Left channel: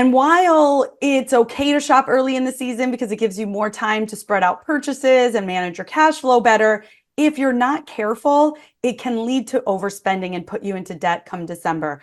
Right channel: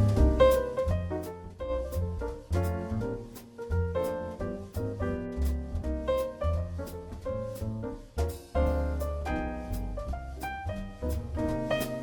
And while it's okay to shop early in the season because it gives you more time to spread out purchases and manage your cash flow better, if you're not careful, it can lead to overspending and put you into debt come December.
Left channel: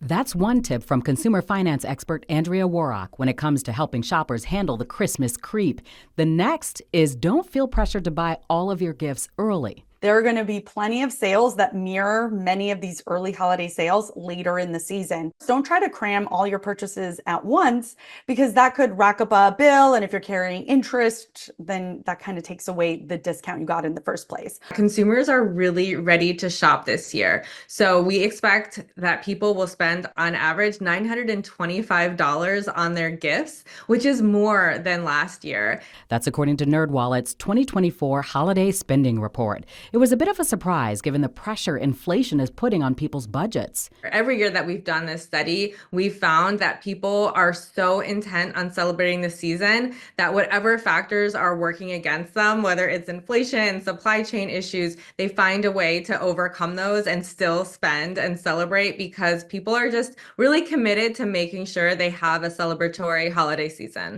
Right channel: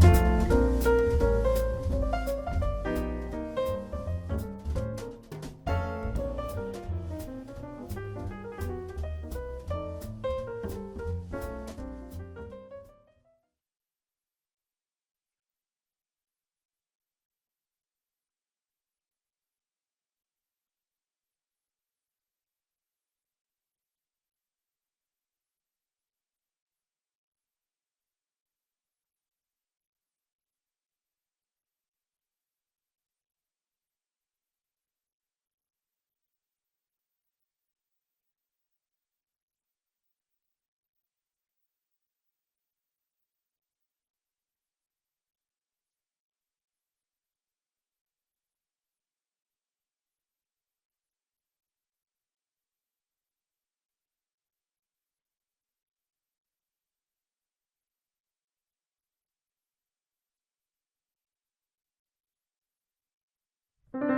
That's one tip from consumer finance expert Andrea Warrock when it comes to helping shoppers handle the Christmas creep. The next is don't feel pressured to buy all of your gifts early. There are going to be plenty of sales that mirror many of these early holiday sales later in the season. Don't try to cram all your purchases at once because that could rack up a bill. And if you're carrying interest, then that kind of takes away the discount you got in the first place. Consumers are really ready to shop this year. So we expect that people will spend on average $925 on their gifts, which is more than last year. That's according to NerdWallet's 2024 Holiday Spending Report. It was a bit of a surprise given the pressure inflation is putting on people's budgets. Every year that we've done this study, we've found that people are so intent on celebrating the season that whatever factors are working against them, whether it's inflation, supply chain issues, they find a way to overcome those and still spend and celebrate because people are just really committed to making sure they have a celebratory holiday season.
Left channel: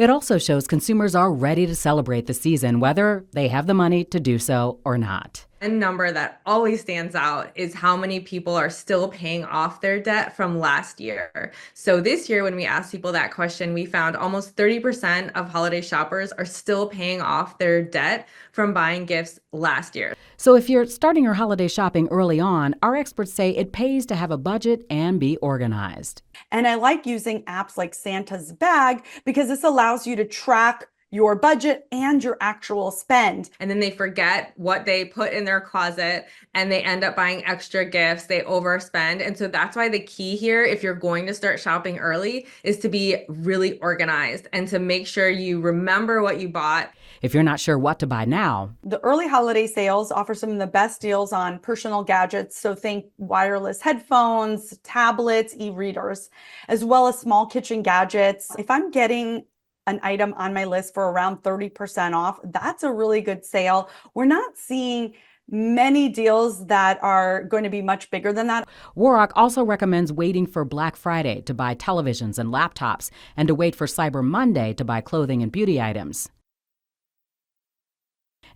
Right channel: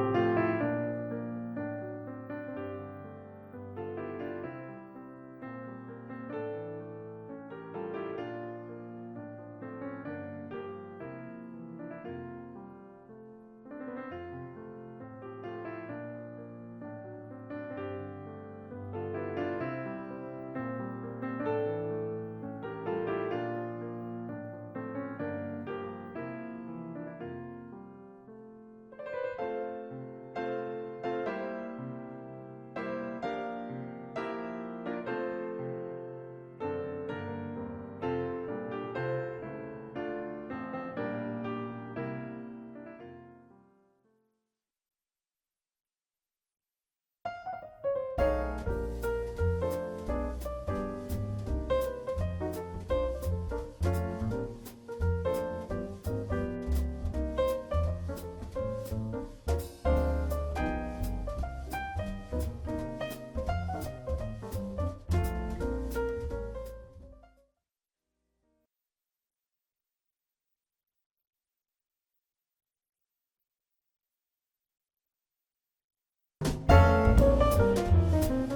It also shows consumers are ready to celebrate the season, whether they have the money to do so or not. A number that always stands out is how many people are still paying off their debt from last year. So this year, when we asked people that question, we found almost 30% of holiday shoppers are still paying off their debt from buying gifts last year. So if you're starting your holiday shopping early on, our experts say it pays to have a budget and be organized. And I like using apps like Santa's Bag because this allows you to track your budget and your actual spend. And then they forget what they put in their closet and they end up buying extra gifts, they overspend. And so that's why the key here, if you're going to start shopping early, is to be really organized and to make sure you remember what you bought. If you're not sure what to buy now, the early holiday sales offer some of the best deals on personal gadgets. So think wireless headphones, tablets, e-readers, as well as small kitchen gadgets. If I'm getting an item on my list for around 30% off, that's a really good sale. We're not seeing many deals that are going to be much bigger than that. Warrock also recommends waiting for Black Friday to buy televisions and laptops and to wait for Cyber Monday to buy clothing and beauty items.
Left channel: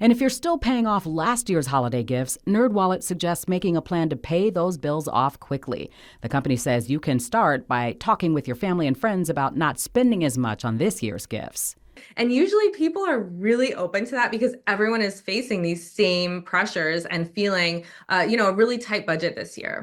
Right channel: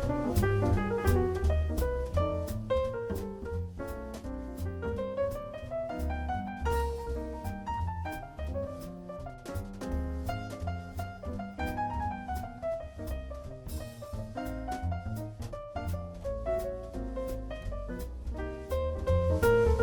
And if you're still paying off last year's holiday gifts, NerdWallet suggests making a plan to pay those bills off quickly. The company says you can start by talking with your family and friends about not spending as much on this year's gifts. And usually people are really open to that because everyone is facing these same pressures and feeling, a really tight budget this year.